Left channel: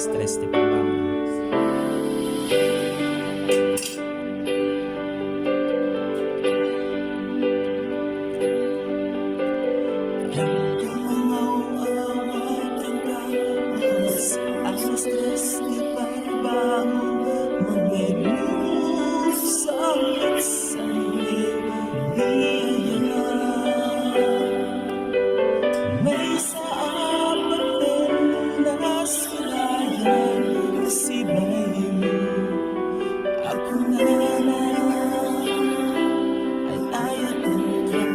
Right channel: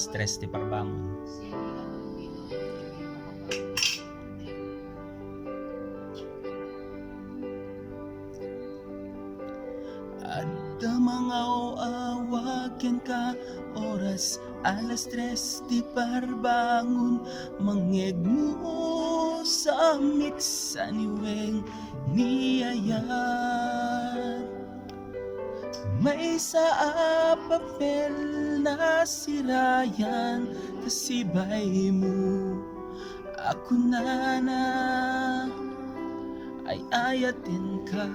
alas 3 di pagbangon. Anda mga awagin ka, oras alas 3 di pagbangon. Mangegmove sangit sa niyaya. May sa papel na sirayan, kasibay mo. Ako na ay ayatin ka.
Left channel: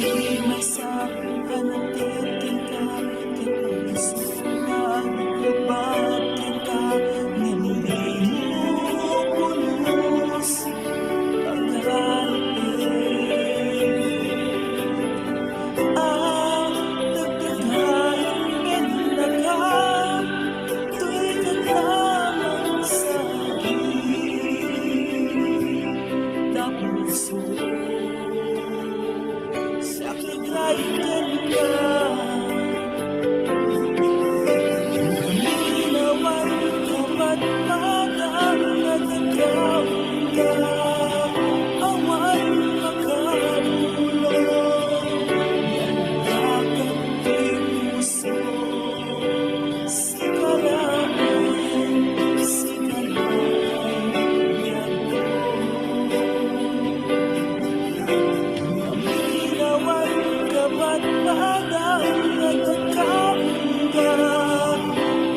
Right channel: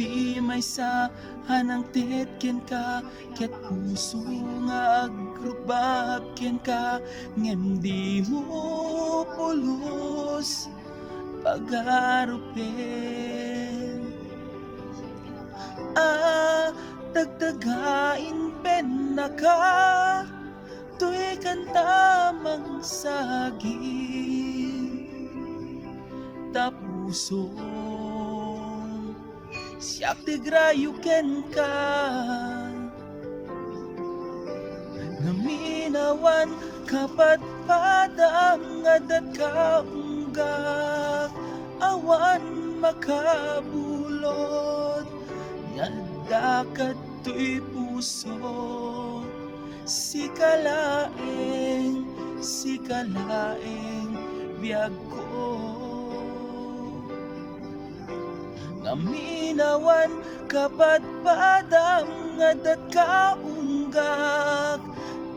Di may sa hanang titkin ka, ket puso nga agrubakin ka. Ngindi mo pulos pag-arupin. Dagdagain pena ka, tu'y katamang saging. Tapuso siyak tigrayukan ka. Gaminawan kapat padang nadagaw ka. Awan makabulong, nagdakat to'y puso. Sikalain biyag ko. Gaminawan kapat padang nadagaw ka.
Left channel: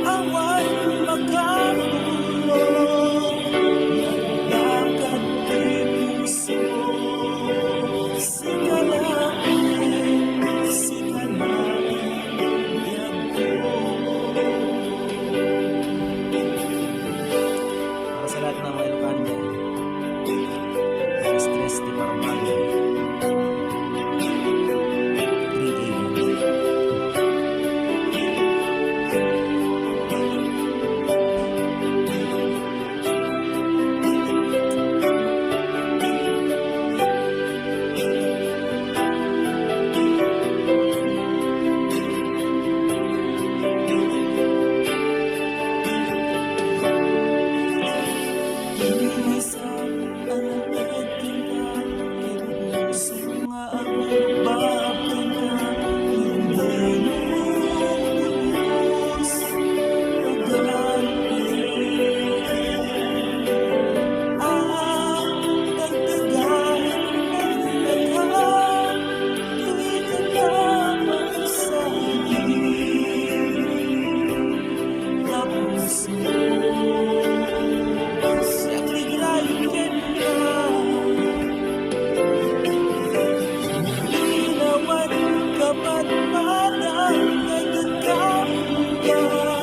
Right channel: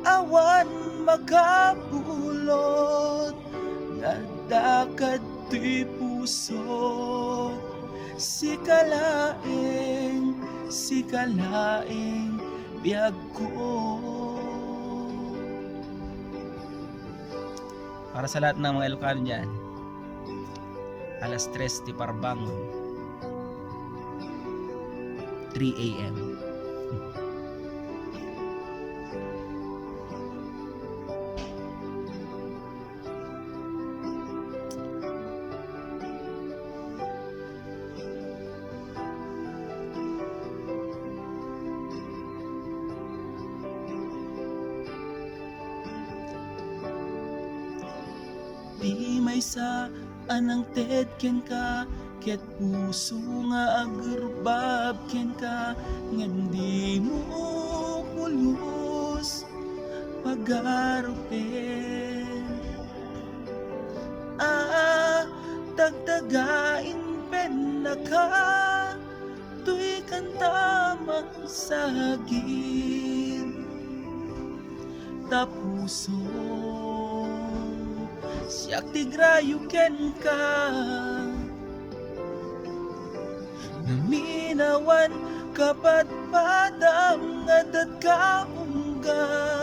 Awan makabulong, nagdakat to'y puso. Sikalain biyag ko. Para sa lahat ng mga Ilocano dyan, alas 3 di pagbangon, 3 a.m. May sa anang tedkin ka, ket puso nga agbabkin ka. Hindi mo pulos pag-arupin. Dagdagain pena ka, tu'y katamang saging. Tapuso siyak tigrayukan ka. Ginawan kapat padang nadagaw ka.